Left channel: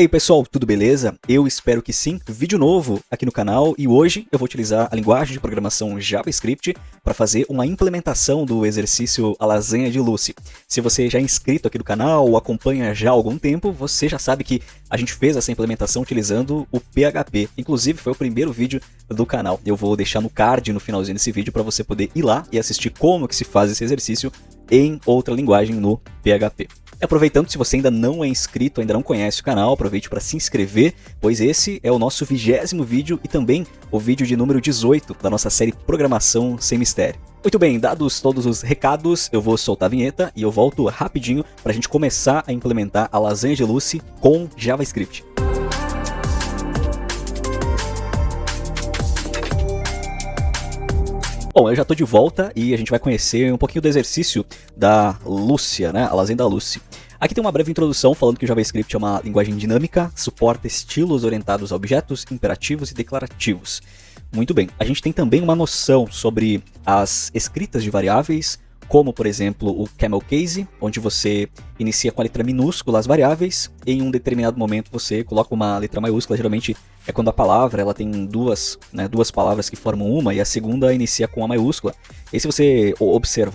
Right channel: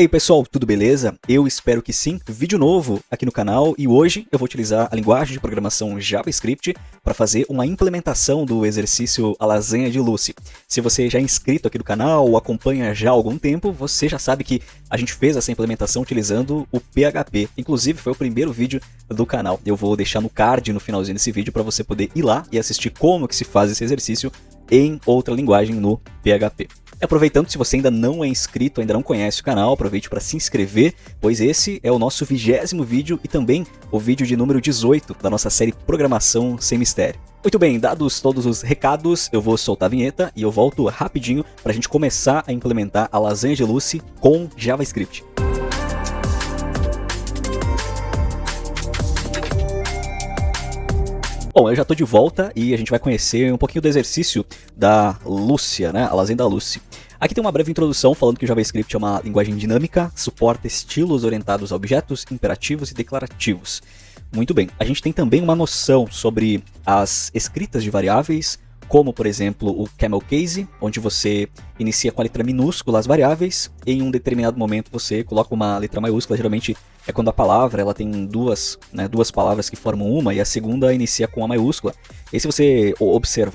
E aí pessoal, tudo beleza? Eu espero que sim. Vídeo novo aqui no canal e hoje eu vou utilizar a linguagem de programação JavaScript para fazer uma implementação do exercício A Lasanha de Lucy. Se você já é inscrito aqui do canal ou acompanha já há algum tempo, você já sabe que a gente fez essa implementação utilizando o PHP. Inclusive foi o primeiro vídeo do canal. Eu vou deixar no card no finalzinho desse vídeo para você poder ir lá e assistir como que se faz esse exercício em outra linguagem no PHP. Aproveitando, se você ainda não é inscrito, ainda não conhece o canal, aproveite para se inscrever, pois esse é o nosso 20º vídeo e também o vídeo de número 18 da nossa série Programação Sem Mistério. Muito bem, dados todos os recados, eu vou soltar a vinheta e eu volto rapidinho para a gente começar a implementar a Lasanha de Lucy com JavaScript. Bom, eu já estou de volta e a gente vai conhecer um pouquinho do exercício da Lúcia, né? A Lasanha da Lucy. Aqui tem uma breve introdução falando que o JavaScript é uma linguagem dinâmica, suporta estilos orientados a objetos, imperativos e declarativos. Muito bem, a gente tem também uma noção sobre as escritas de variáveis, como por exemplo o camel case, onde você inicia com a letra minúscula as variáveis, e em um determinado momento você coloca uma letra maiúscula, geralmente é quando a palavra ela tem duas palavras que formam uma, e a segunda inicia com a maiúscula. E aí se você observa,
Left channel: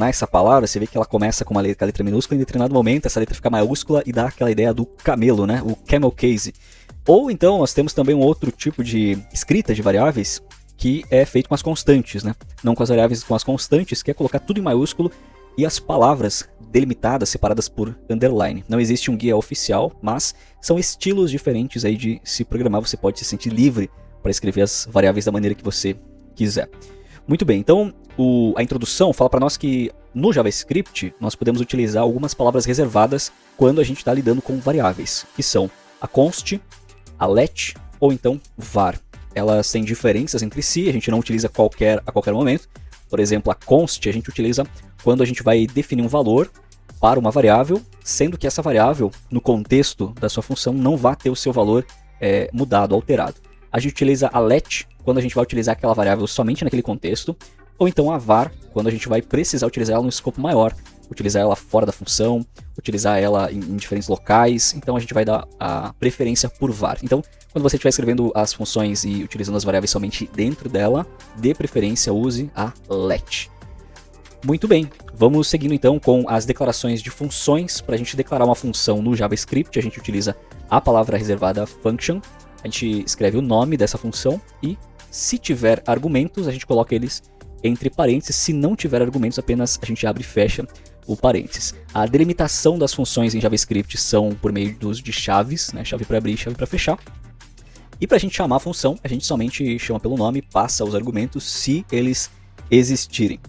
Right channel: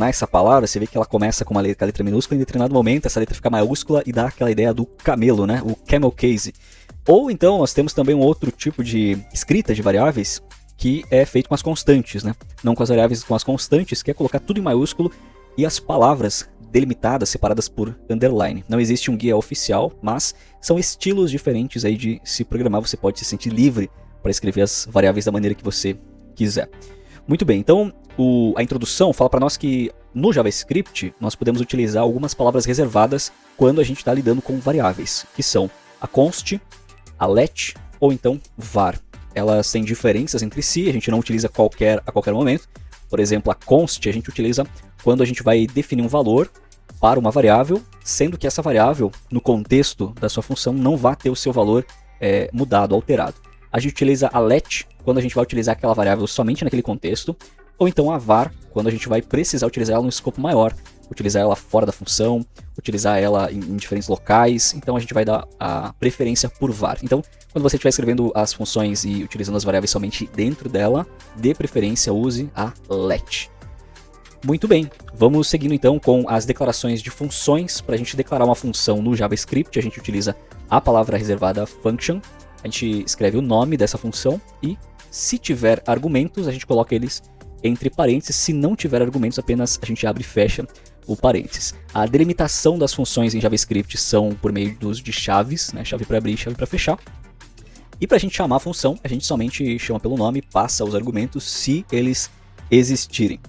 essa palavra, você vê que ela começa com a letra minúscula, e em determinado momento essa letra fica maiúscula e dá aquela ideia do camelo, né? O camel case. Ou então nós temos também um outro tipo de escrita de variáveis, que é feito com as constantes, né? Não com as variáveis, com as constantes, que é colocar tudo em maiúsculo e as palavras delimitadas, separadas por underline. Não existe um guia oficial, mas são estilos diferentes aí de se programar. Você pode se sentir livre para escrever as variáveis da maneira que você quiser. Muito bem, então a introdução fala para nós que no JavaScript nós podemos utilizar algumas palavras reservadas quando a gente está lidando com variáveis, que são a const, a let ou então var. Elas têm diferenças entre si, a gente não utiliza a qualquer momento. Por exemplo, a const a gente utiliza quando a gente vai definir um valor para uma variável, sendo que essa variável, no contexto da sua função, não vai ter o seu valor mudado, alterado. A gente utiliza a let quando a gente vai utilizar aquela variável somente naquele contexto, ou então a var quando a gente vai precisar utilizar ela no escopo maior, utilizar ela fora da função, utilizar ela em diferentes locais. Então a gente vai dar a preferência por var. Então, quando você estiver escrevendo as funções e utilizando as variáveis somente dentro dela, de preferência use a let. Muito bem, vamos seguindo então com as declarações de funções. Para a gente declarar uma função no JavaScript, a gente utiliza a palavra reservada function. A gente escreve o nome dessa função e, se tiver argumentos, a gente coloca eles entre parênteses. Se não tiver argumentos, apenas a gente abre e fecha o parênteses. A delimitação das funções em JavaScript são por meio do uso de chaves, né? Chave para abrir e chave para fechar. E para a gente chamar a função, a gente somente chama pelo nome, passa os argumentos se eles existirem.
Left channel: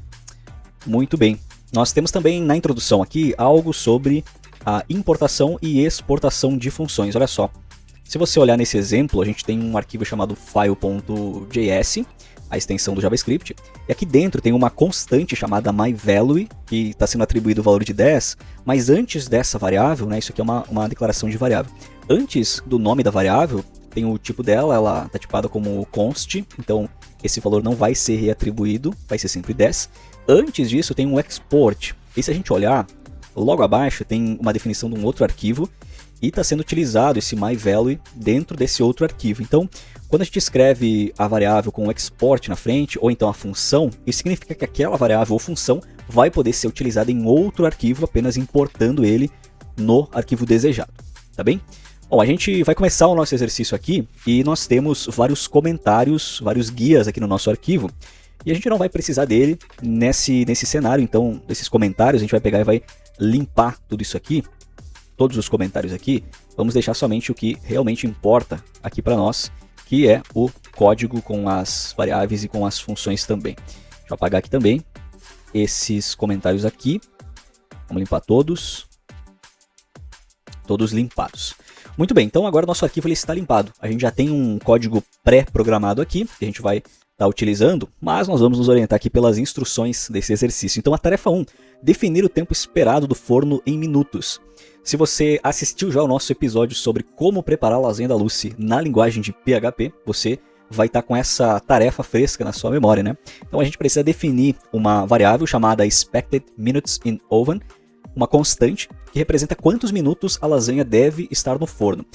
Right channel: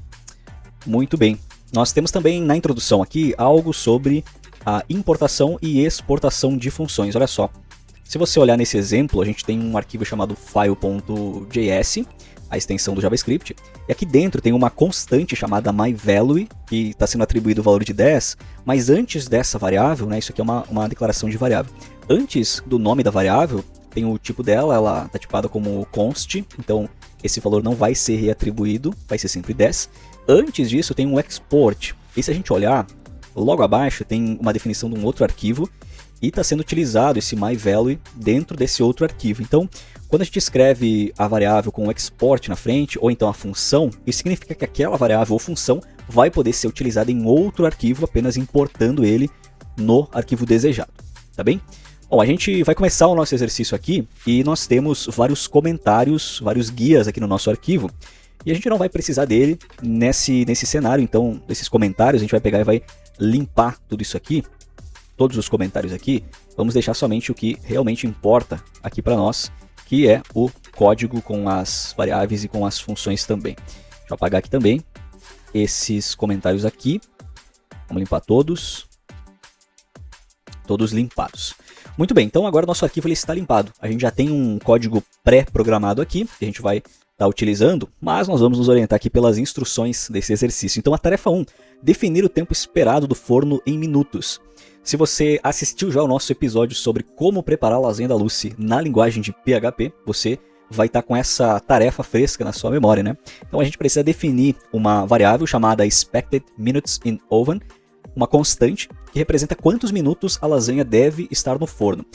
Muito bem. Nós temos também na introdução aqui algo sobre a importação e exportação de funções. Olha só. Se você olhar nesse exemplo, a gente tem um arquivo chamado file.js, a extensão do JavaScript, e aqui dentro tem uma constante chamada myValue, que está sendo atribuído o valor de 10, mas antes dessa variável, né, isso aqui é uma declaração de variável, antes do nome da variável, tem o tipo dela, ela está tipada como const, então esse valor não vai ser reatribuído, vai ser sempre 10. Antes disso tem um export, e se a gente olhar, logo abaixo tem uma definição de um outro arquivo, e está sendo utilizado esse myValue dentro desse outro arquivo. Então, quando a gente escreve a variável com o export na frente, ou então a função, isso significa que aquela variável ou função vai poder ser utilizada em outro arquivo, apenas importando ele no arquivo desejado, tá bem? Bom, a gente vai começar o nosso exercício aqui, e nós temos vários comentários, vários guias aqui no nosso arquivo, e a gente não vai precisar dele nesse cenário. Então esses comentários a gente vai pegar e vai limpar tudo isso aqui. Todos os comentários aqui, vamos deixar somente o que realmente importa aqui para nós, que é o código com as variáveis e com as funções também. Deixa eu apagar aqui também esses comentários aqui. Vamos limpar todos limpados. Muito bem, então agora o nosso arquivo ele está limpado. A gente já tem um código pré-programado aqui, que a gente vai estar utilizando, mas nós vamos nos orientar aqui pelas instruções desse exercício. Então a tarefa 1, definir o tempo esperado do forno em minutos. Se você assistiu já ao nosso episódio sobre como preparar a lasanha da Lucy na linguagem de PHP, você vai estar com essa tarefa fresca na sua memória, né? Então a gente precisa definir uma variável chamada expected minutes in oven, uma constante que representa quantos minutos a lasanha deve estar no forno.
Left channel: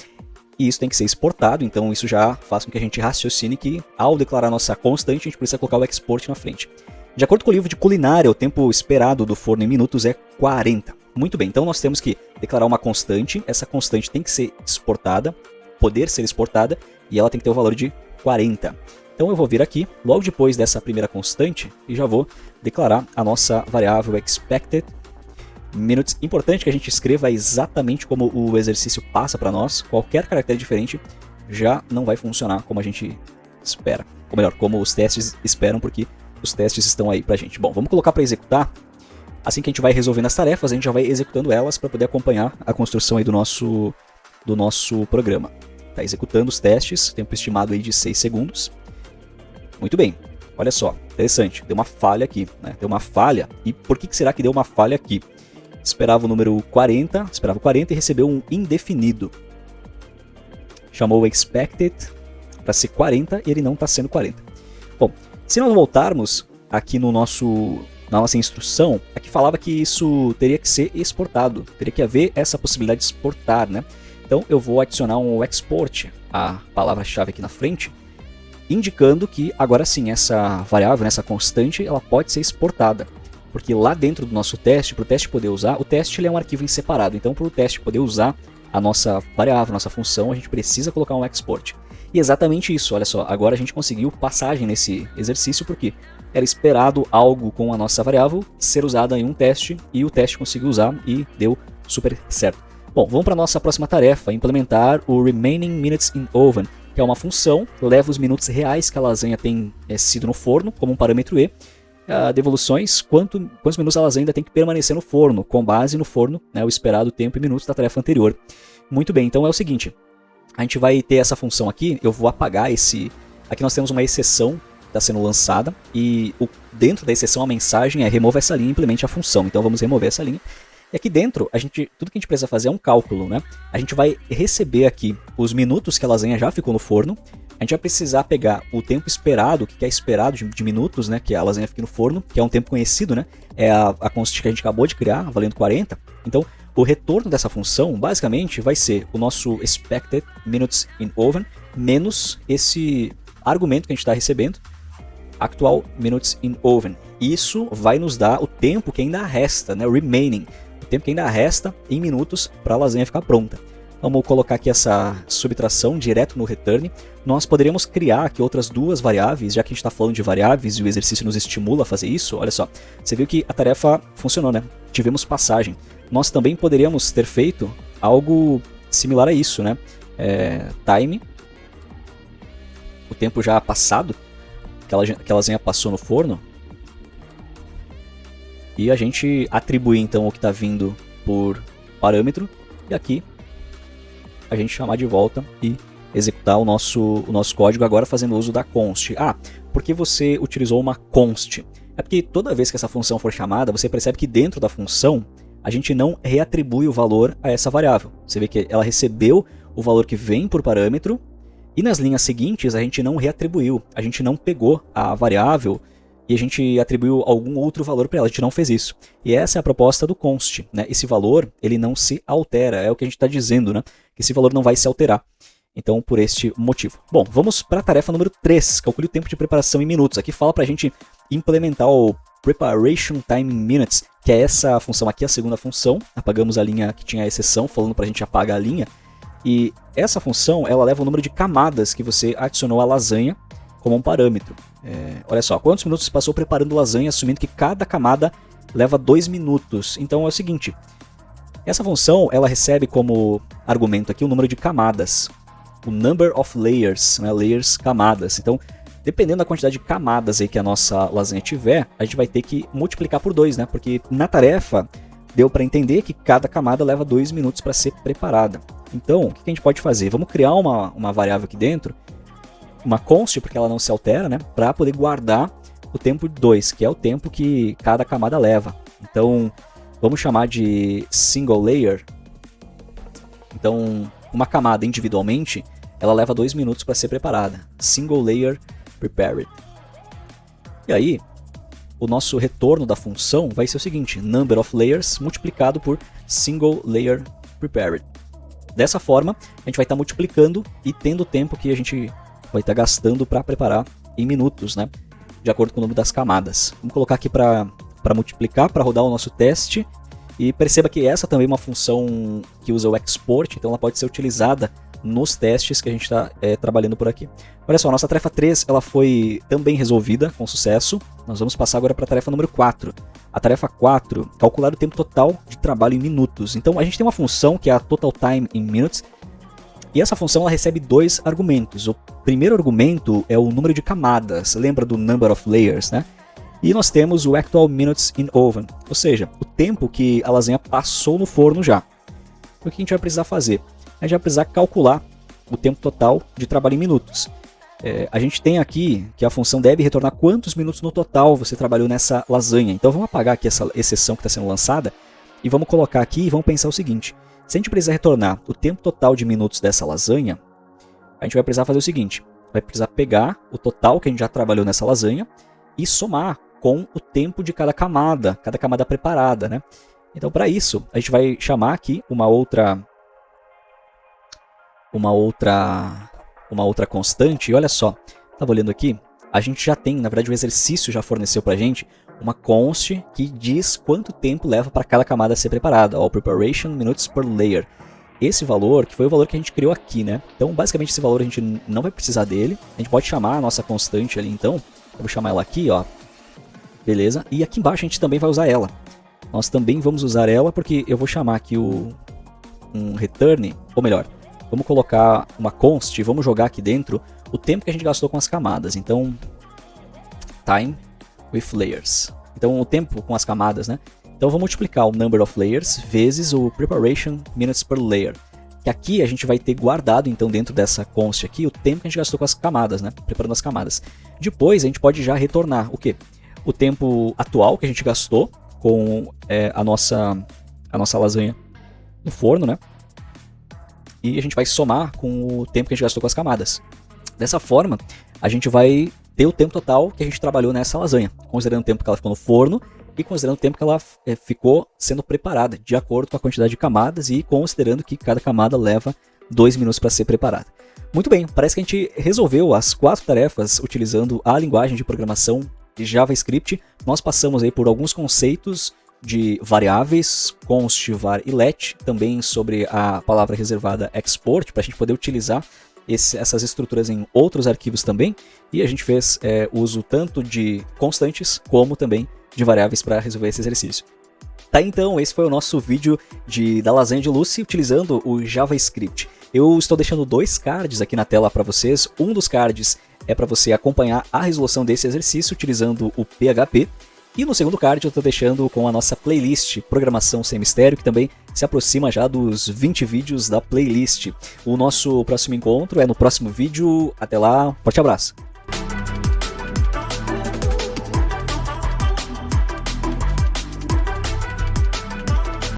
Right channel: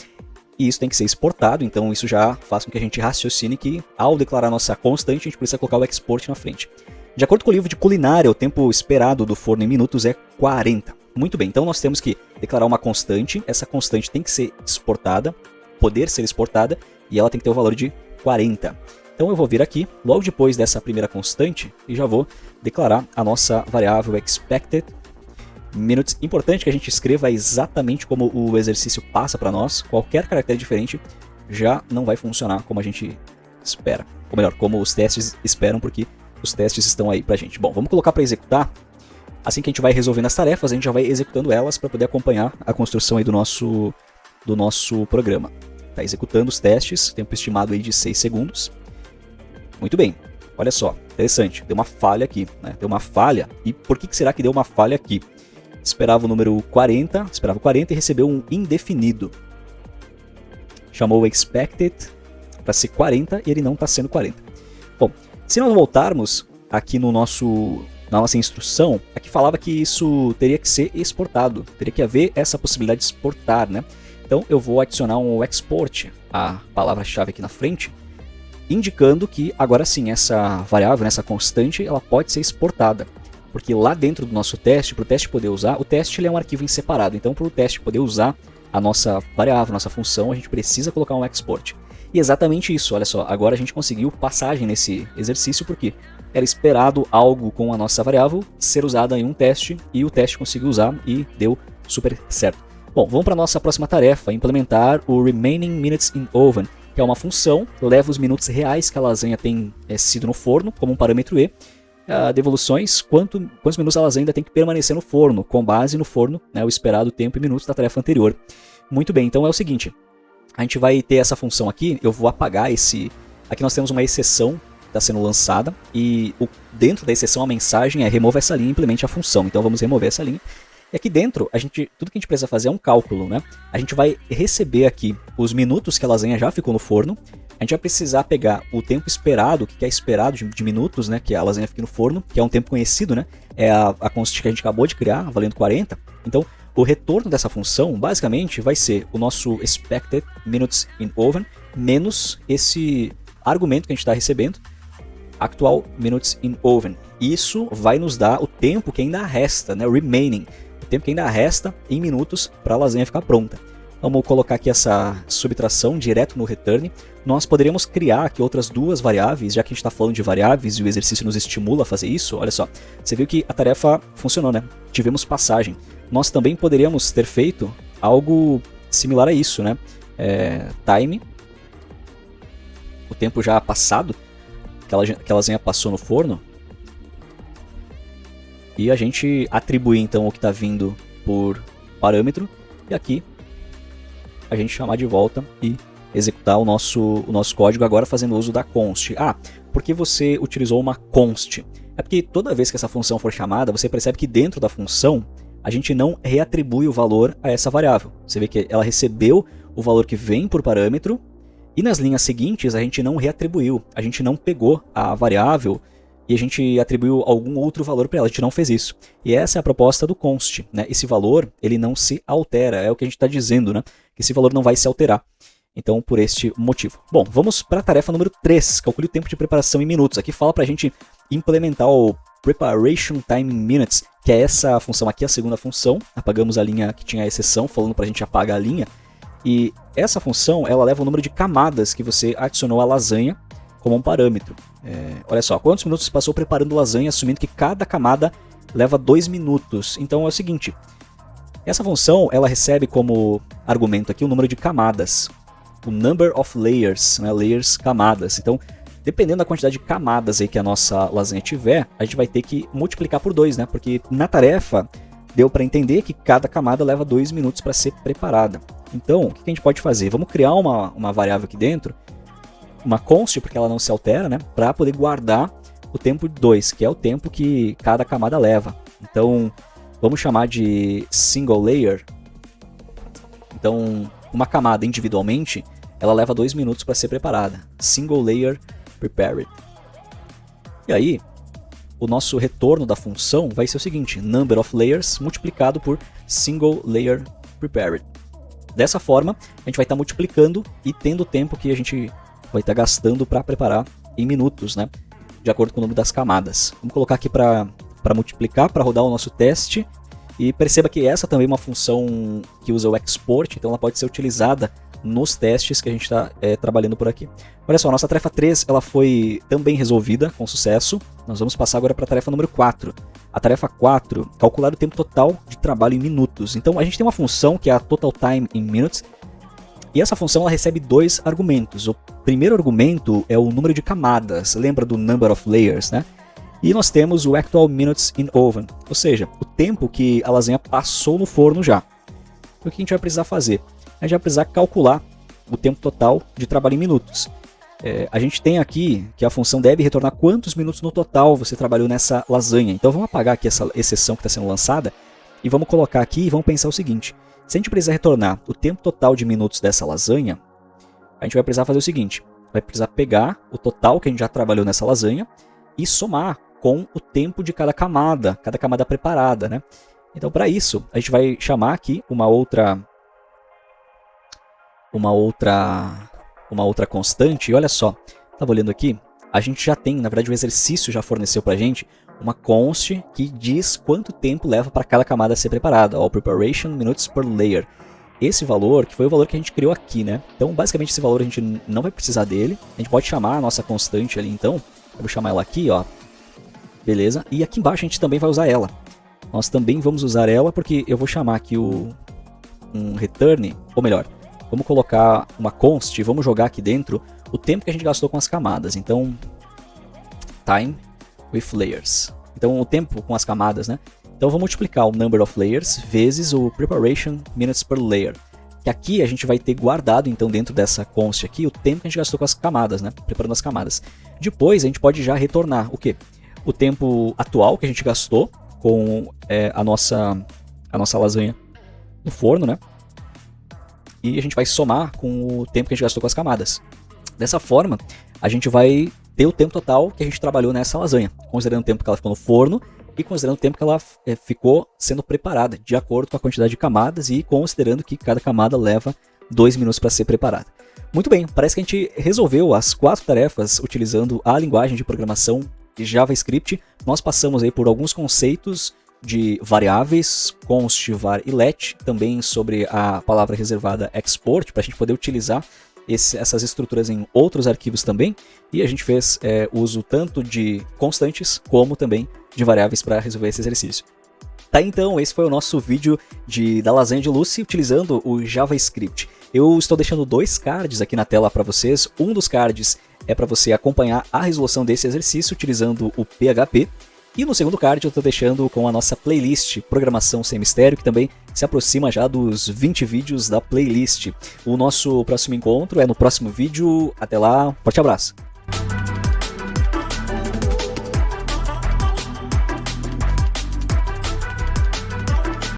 E isso tem que ser exportado, então isso já faz com que a gente raciocine que, ao declarar nossa constante, a gente precisa colocar o export na frente. De acordo com o livro de culinária, o tempo esperado do forno em minutos é 40. Muito bem, então nós temos que declarar uma constante, essa constante tem que ser exportada, poder ser exportada, e ela tem que ter o valor de 40. Então eu vou vir aqui, logo depois dessa primeira constante, e já vou declarar a nossa variável expected minutes. Importante que a gente escreva exatamente como o exercício passa para nós. Qualquer caractere diferente já não vai funcionar como a gente espera. Ou melhor, como os testes esperam, porque os testes estão aí pra gente. Bom, vamos colocar para executar. Assim que a gente vai resolvendo as tarefas, a gente já vai executando elas para poder acompanhar a construção aí do nosso programa. Tá executando os testes, tempo estimado aí de 6 segundos. Muito bem, olha só, interessante, deu uma falha aqui, né? Deu uma falha, e por que será que deu uma falha aqui? Esperava o número 40, esperava 40 e recebeu um indefinido. Chamou o expected para ser 40 e ele não está sendo 40. Bom, se nós voltarmos aqui na nossa instrução, aqui falava que isso teria que ser exportado, teria que haver essa possibilidade de exportar, né? Então eu vou adicionar um export, a palavra-chave aqui na frente, indicando que agora sim essa variável, essa constante, ela pode ser exportada. Porque lá dentro do nosso teste, para o teste poder usar, o teste ele é um arquivo em separado. Então, para o teste poder usar a nossa variável, a nossa função, a gente precisa colocar um export. E exatamente isso, olha só, agora a gente conseguiu passagem nesse exercício, porque era esperado algo com a nossa variável ser usada em um teste, e o teste conseguiu usar e deu super certo. Bom, vamos para a nossa próxima tarefa, implementar o Remaining Minutes in Oven, que é uma função que leva os minutos reais que a lasanha tem sido no forno, como um parâmetro E, devoluções, quantos minutos a lasanha ainda tem que permanecer no forno, com base no forno, né, o esperado tempo em minutos da tarefa anterior. Muito bem, então é o seguinte, a gente vai ter essa função aqui, eu vou apagar esse... Aqui nós temos uma exceção que está sendo lançada, e dentro da exceção a mensagem é remova essa linha e implemente a função. Então vamos remover essa linha. E aqui dentro, tudo que a gente precisa fazer é um cálculo, né? A gente vai receber aqui os minutos que a lasanha já ficou no forno. A gente vai precisar pegar o tempo esperado, o que é esperado de minutos, né? Que a lasanha fique no forno, que é um tempo conhecido, né? É a constante que a gente acabou de criar, valendo 40. Então, o retorno dessa função, basicamente, vai ser o nosso expected minutes in oven, menos esse argumento que a gente está recebendo, actual minutes in oven. Isso vai nos dar o tempo que ainda resta, né? O remaining. O tempo que ainda resta em minutos para a lasanha ficar pronta. Vamos colocar aqui essa subtração direto no return. Nós poderíamos criar aqui outras duas variáveis, já que a gente está falando de variáveis e o exercício nos estimula a fazer isso. Olha só, você viu que a tarefa funcionou, né? Tivemos passagem. Nós também poderíamos ter feito algo similar a isso, né? Time, o tempo já passado, que a lasanha passou no forno. E a gente atribuir então o que está vindo por parâmetro aqui, a gente chamar de volta e executar o nosso código agora fazendo uso da const. Por que você utilizou uma const? É porque toda vez que essa função for chamada, você percebe que dentro da função a gente não reatribui o valor a essa variável. Você vê que ela recebeu o valor que vem por parâmetro e nas linhas seguintes a gente não reatribuiu, a gente não pegou a variável e a gente atribuiu algum outro valor para ela, a gente não fez isso. E essa é a proposta do const, né? Esse valor, ele não se altera, é o que a gente está dizendo, né? Que esse valor não vai se alterar. Então, por este motivo. Bom, vamos para a tarefa número 3, calcule o tempo de preparação em minutos. Aqui fala para a gente implementar o Preparation Time in Minutes, que é essa função aqui, a segunda função. Apagamos a linha que tinha a exceção, falando para a gente apagar a linha. E essa função, ela leva o número de camadas que você adicionou à lasanha como um parâmetro. Olha só, quantos minutos você passou preparando lasanha, assumindo que cada camada leva 2 minutos. Então é o seguinte, essa função ela recebe como argumento aqui o número de camadas, o number of layers, né? Layers, camadas. Então, dependendo da quantidade de camadas aí que a nossa lasanha tiver, a gente vai ter que multiplicar por 2, né? Porque na tarefa deu para entender que cada camada leva 2 minutos para ser preparada. Então, o que a gente pode fazer? Vamos criar uma variável aqui dentro, uma const, porque ela não se altera, né? Para poder guardar o tempo 2, que é o tempo que cada camada leva. Então, vamos chamar de single layer. Então, uma camada individualmente, ela leva 2 minutos para ser preparada. Single layer prepared. E aí, o nosso retorno da função vai ser o seguinte, number of layers multiplicado por single layer prepared. Dessa forma, a gente vai estar multiplicando e tendo o tempo que a gente vai estar gastando para preparar em minutos, né? De acordo com o número das camadas. Vamos colocar aqui para multiplicar, para rodar o nosso teste. E perceba que essa também é uma função que usa o export, então ela pode ser utilizada nos testes que a gente está trabalhando por aqui. Olha só, a nossa tarefa 3 ela foi também resolvida com sucesso. Nós vamos passar agora para a tarefa número 4. A tarefa 4, calcular o tempo total de trabalho em minutos. Então a gente tem uma função que é a total time in minutes, e essa função ela recebe dois argumentos. O primeiro argumento é o número de camadas, lembra do number of layers, né? E nós temos o actual minutes in oven, ou seja, o tempo que a lasanha passou no forno já. O que a gente vai precisar fazer? A gente vai precisar calcular o tempo total de trabalho em minutos. A gente tem aqui que a função deve retornar quantos minutos no total você trabalhou nessa lasanha. Então vamos apagar aqui essa exceção que está sendo lançada e vamos colocar aqui e vamos pensar o seguinte. Se a gente precisar retornar o tempo total de minutos dessa lasanha, a gente vai precisar fazer o seguinte. Vai precisar pegar o total que a gente já trabalhou nessa lasanha e somar com o tempo de cada camada preparada, né? Então para isso, a gente vai chamar aqui uma outra constante, e olha só, estava olhando aqui, a gente já tem, na verdade o exercício já forneceu para a gente uma const que diz quanto tempo leva para cada camada ser preparada, ó, preparation minutes per layer. Esse valor, que foi o valor que a gente criou aqui, né? Então basicamente esse valor a gente não vai precisar dele, a gente pode chamar a nossa constante ali então, eu vou chamar ela aqui, ó, beleza, e aqui embaixo a gente também vai usar ela. Nós também vamos usar ela porque eu vou chamar aqui um return, ou melhor, vamos colocar uma const, vamos jogar aqui dentro o tempo que a gente gastou com as camadas. Então, time with layers. Então, o tempo com as camadas, né? Então, eu vou multiplicar o number of layers vezes o preparation minutes per layer. Que aqui a gente vai ter guardado, então, dentro dessa const aqui, o tempo que a gente gastou com as camadas, né? Preparando as camadas. Depois, a gente pode já retornar o tempo atual que a gente gastou com a nossa lasanha no forno, né? E a gente vai somar com o tempo que a gente gastou com as camadas. Dessa forma, a gente vai ter o tempo total que a gente trabalhou nessa lasanha, considerando o tempo que ela ficou no forno e considerando o tempo que ela ficou sendo preparada, de acordo com a quantidade de camadas e considerando que cada camada leva 2 minutos para ser preparada. Muito bem, parece que a gente resolveu as 4 tarefas utilizando a linguagem de programação de JavaScript. Nós passamos aí por alguns conceitos de variáveis, const, var e let, também sobre a palavra reservada export, para a gente poder utilizar essas estruturas em outros arquivos também. E a gente fez uso tanto de constantes como também de variáveis para resolver esse exercício. Tá, então, esse foi o nosso vídeo da lasanha de Lucy utilizando o JavaScript. Eu estou deixando 2 cards aqui na tela para vocês. Um dos cards é para você acompanhar a resolução desse exercício utilizando o PHP. E no segundo card eu estou deixando com a nossa playlist Programação Sem Mistério, que também se aproxima já dos 20 vídeos da playlist. O nosso próximo encontro é no próximo vídeo. Até lá, forte abraço!